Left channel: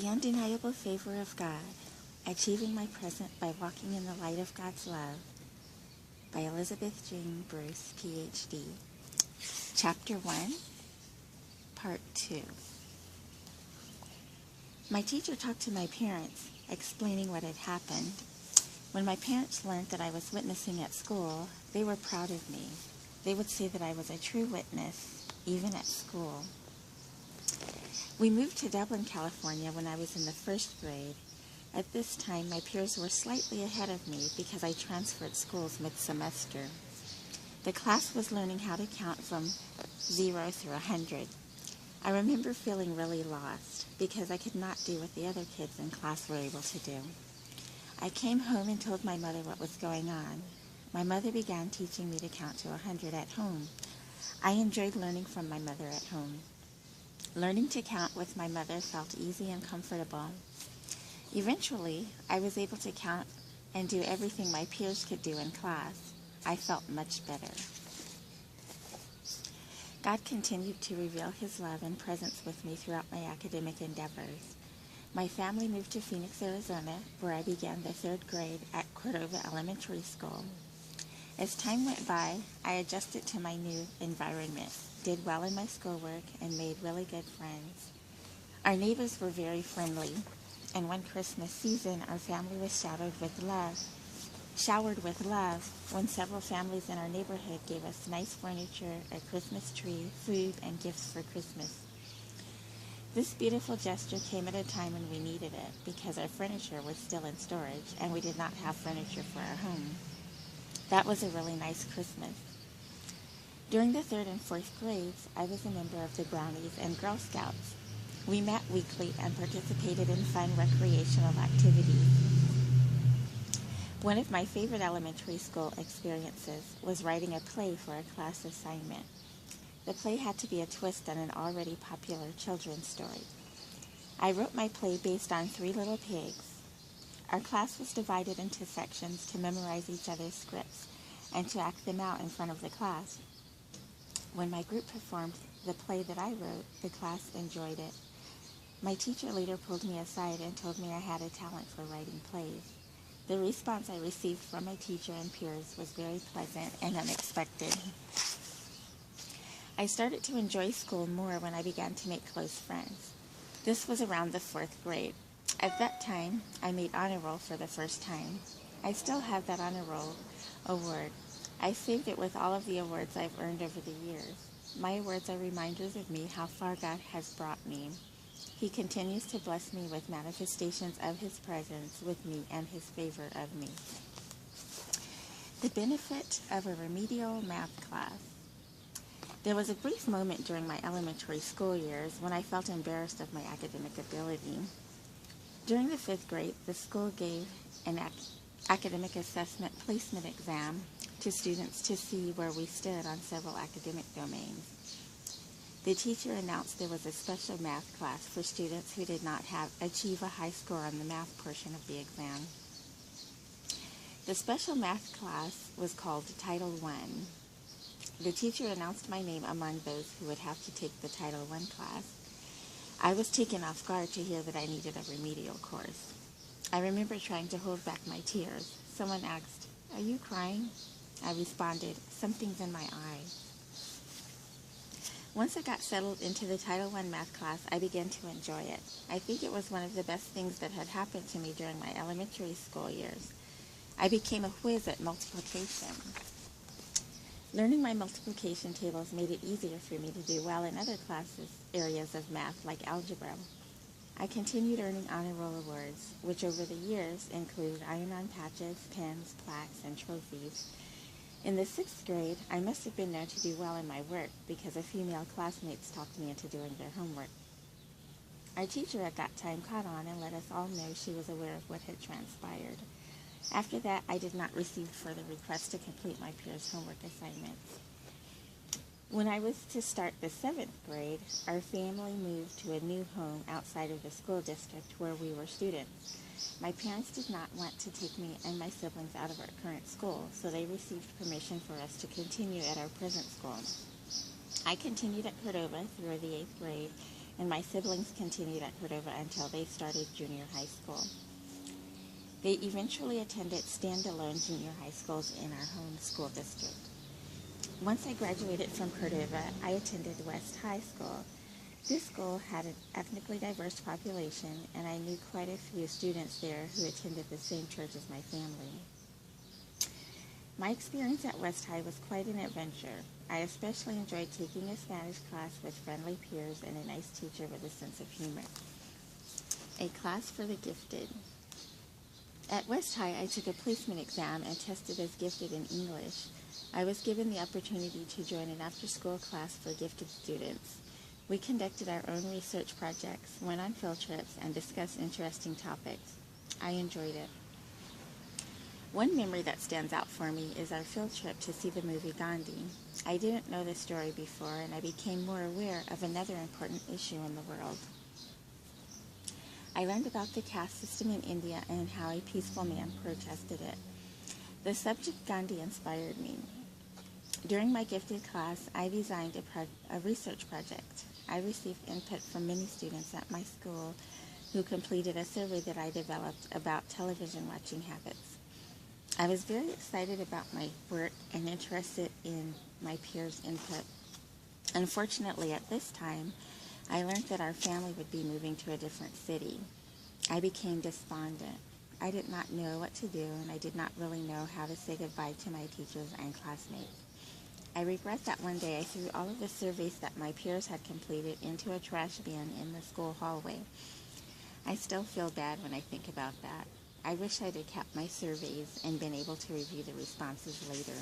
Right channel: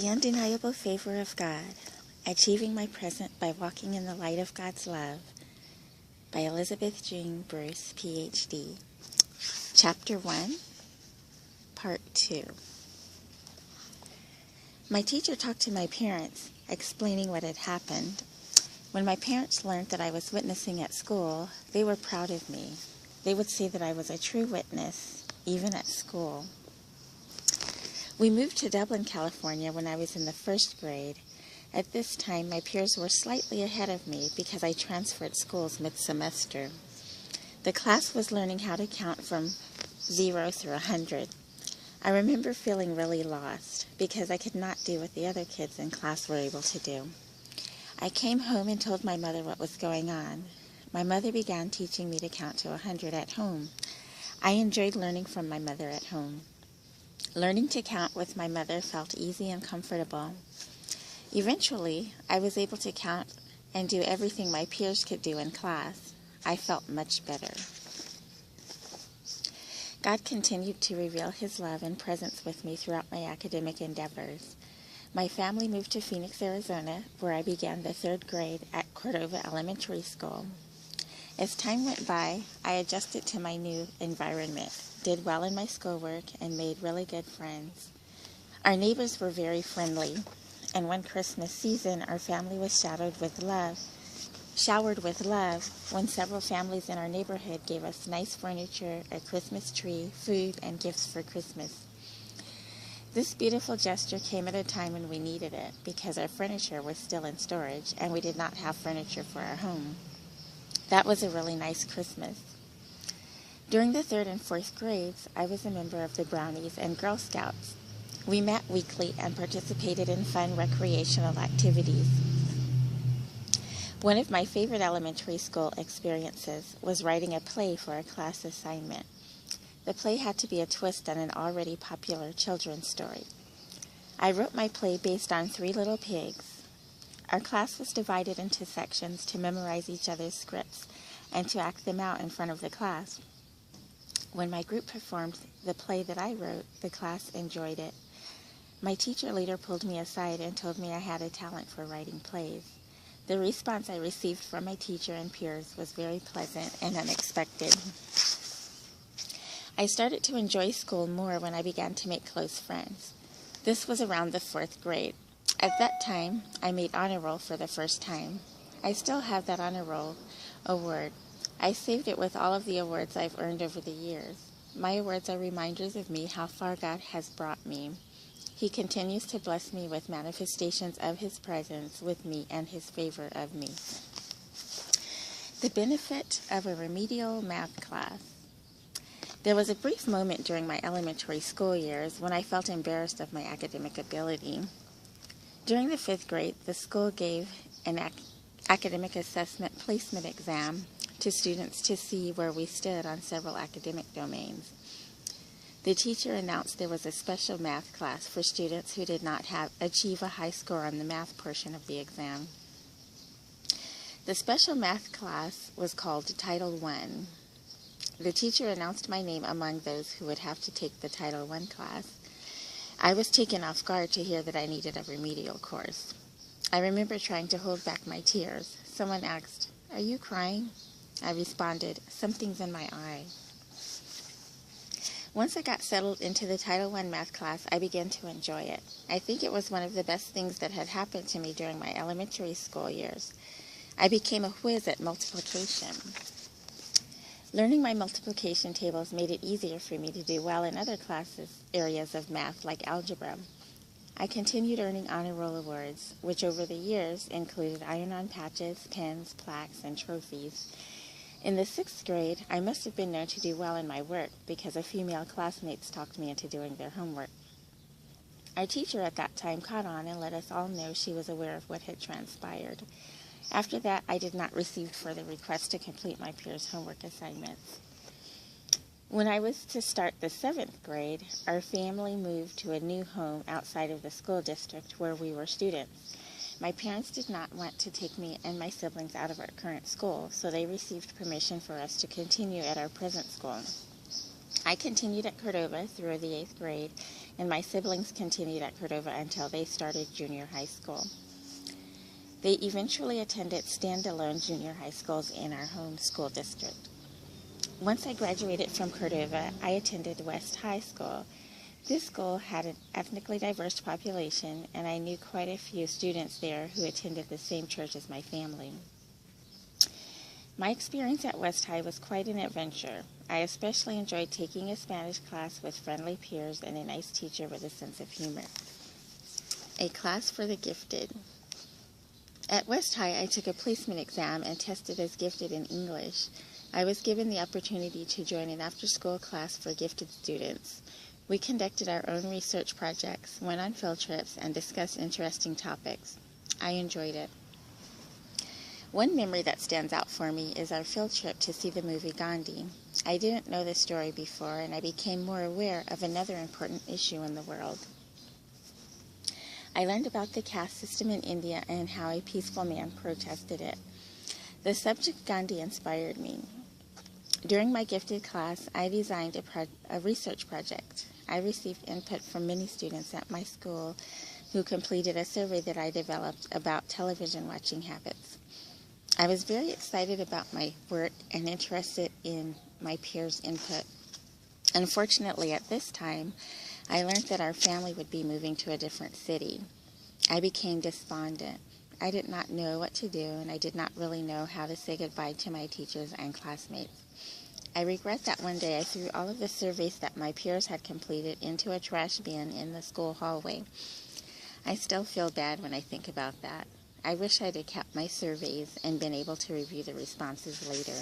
The Undeniable Favor of God, Achieving My Present by Walking in the Light of God's Love, by Elizabeth Jean Bruce, Ph.D. Chapter 1, Part 2. My teacher talked to my parents, explaining what had happened. When my parents learned that I was witnessing at school, they were proud of me. They would say that I was a true witness, even at school. We moved to Dublin, California when I was in the first grade. At this time, my peers were slightly ahead of me because I transferred schools mid-semester. The class was learning how to count from 0 through 100. I remember feeling really lost because I could not do what the other kids in class were able to do. I came home and told my mother what was going on. My mother began teaching me to count to 100 at home. I enjoyed learning from my mother at home. Learning to count with my mother felt easy and comfortable. Eventually, I was able to count and do everything my peers could do in class. I felt much better. God continued to reveal His love and presence with me throughout my academic endeavors. My family moved to Phoenix, Arizona, where I began the 3rd grade at Cordova Elementary School. As time went by, I adjusted to my new environment, did well in my schoolwork, and made really good friends. Our neighbors were very friendly, and one Christmas season, our family was showered with love when several families in our neighborhood gave us nice furniture, a Christmas tree, food, and gifts for Christmas. This beautiful gesture came at a time when we needed it because our furniture was still in storage and we did not have furniture for our home. That was a really nice Christmas. During the 3rd and 4th grades, I was a member of the Brownies and Girl Scouts. We met weekly and participated in fun recreational activities. One of my favorite elementary school experiences was writing a play for a class assignment. The play had to be a twist on an already popular children's story. I wrote my play based on 3 Little Pigs. Our class was divided into sections to memorize each other's scripts and to act them out in front of the class. When my group performed the play that I wrote, the class enjoyed it. My teacher later pulled me aside and told me I had a talent for writing plays. The response I received from my teacher and peers was very pleasant and unexpected. I started to enjoy school more when I began to make close friends. This was around the 4th grade. At that time, I made honor roll for the first time. I still have that honor roll award. I saved it with all of the awards I've earned over the years. My awards are reminders of me how far God has brought me. He continues to bless me with manifestations of His presence with me and His favor of me. The benefit of a remedial math class. There was a brief moment during my elementary school years when I felt embarrassed of my academic ability. During the 5th grade, the school gave an academic assessment placement exam to students to see where we stood on several academic domains. The teacher announced there was a special math class for students who did not achieve a high score on the math portion of the exam. The special math class was called Title I. The teacher announced my name among those who would have to take the Title I class. I was taken off guard to hear that I needed a remedial course. I remember trying to hold back my tears. Someone asked, "Are you crying?" I responded, "Something's in my eye." Once I got settled into the Title I math class, I began to enjoy it. I think it was one of the best things that had happened to me during my elementary school years. I became a whiz at multiplication. Learning my multiplication tables made it easier for me to do well in other areas of math like algebra. I continued earning honor roll awards, which over the years included iron-on patches, pins, plaques, and trophies. In the 6th grade, I must have been known to do well in my work because a female classmates talked me into doing their homework. Our teacher at that time caught on and let us all know she was aware of what had transpired. After that, I did not receive further requests to complete my peers' homework assignments. When I was to start the 7th grade, our family moved to a new home outside of the school district where we were students. My parents did not want to take me and my siblings out of our current school, so they received permission for us to continue at our present school. I continued at Cordova through the 8th grade, and my siblings continued at Cordova until they started junior high school. They eventually attended standalone junior high schools in our home school district. Once I graduated from Cordova, I attended West High School. This school had an ethnically diverse population, and I knew quite a few students there who attended the same church as my family. My experience at West High was quite an adventure. I especially enjoyed taking a Spanish class with friendly peers and a nice teacher with a sense of humor. A class for the gifted. At West High, I took a placement exam and tested as gifted in English. I was given the opportunity to join an after-school class for gifted students. We conducted our own research projects, went on field trips, and discussed interesting topics. I enjoyed it. One memory that stands out for me is our field trip to see the movie Gandhi. I didn't know the story before, and I became more aware of another important issue in the world. I learned about the caste system in India and how a peaceful man protested it. The subject Gandhi inspired me. During my gifted class, I designed a research project. I received input from many students at my school who completed a survey that I developed about television watching habits. I was very excited about my work and interested in my peers' input. Unfortunately, at this time, I learned that our family would be moving to a different city. I became despondent. I did not know what to do, and I did not really know how to say goodbye to my teachers and classmates. I regret that one day I threw all of the surveys that my peers had completed into a trash bin in the school hallway. I still feel bad when I think about that. I wish I'd have kept my surveys and been able to review the responses later.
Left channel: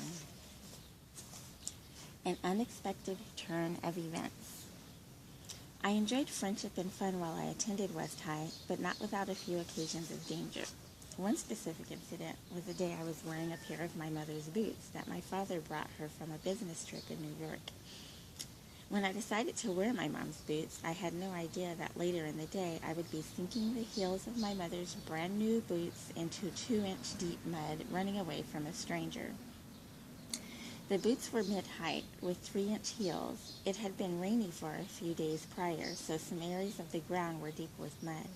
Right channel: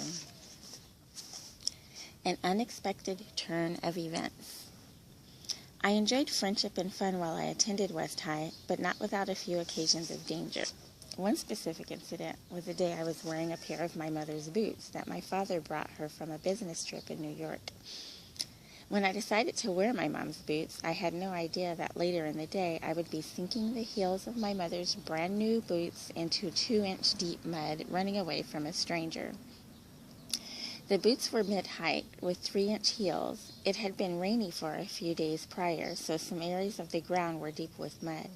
An unexpected turn of events. I enjoyed friendship and fun while I attended West High, but not without a few occasions of danger. One specific incident was the day I was wearing a pair of my mother's boots that my father brought her from a business trip in New York. When I decided to wear my mom's boots, I had no idea that later in the day I would be sinking the heels of my mother's brand new boots into 2-inch deep mud, running away from a stranger. The boots were mid-height with 3-inch heels. It had been rainy for a few days prior, so some areas of the ground were deep with mud.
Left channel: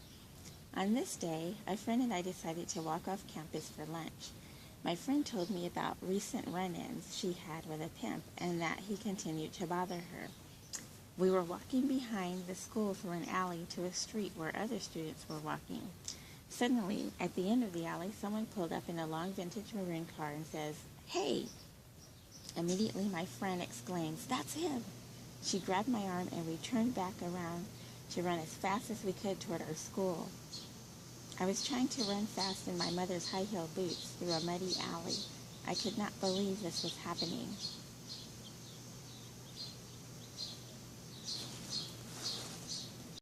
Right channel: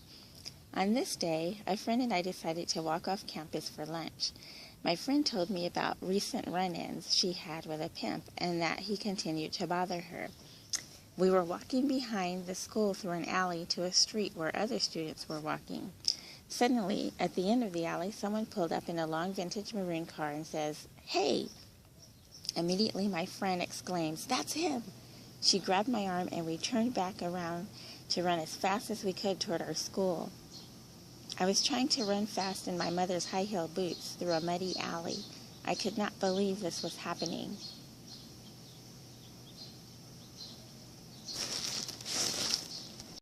On this day, a friend and I decided to walk off campus for lunch. My friend told me about recent run-ins she had with a pimp and that he continued to bother her. We were walking behind the school through an alley to a street where other students were walking. Suddenly, at the end of the alley, someone pulled up in a long vintage maroon car and says, "Hey!" Immediately, my friend exclaims, "That's him!" She grabbed my arm and we turned back around to run as fast as we could toward our school. I was trying to run fast in my mother's high-heeled boots through a muddy alley. I could not believe this was happening.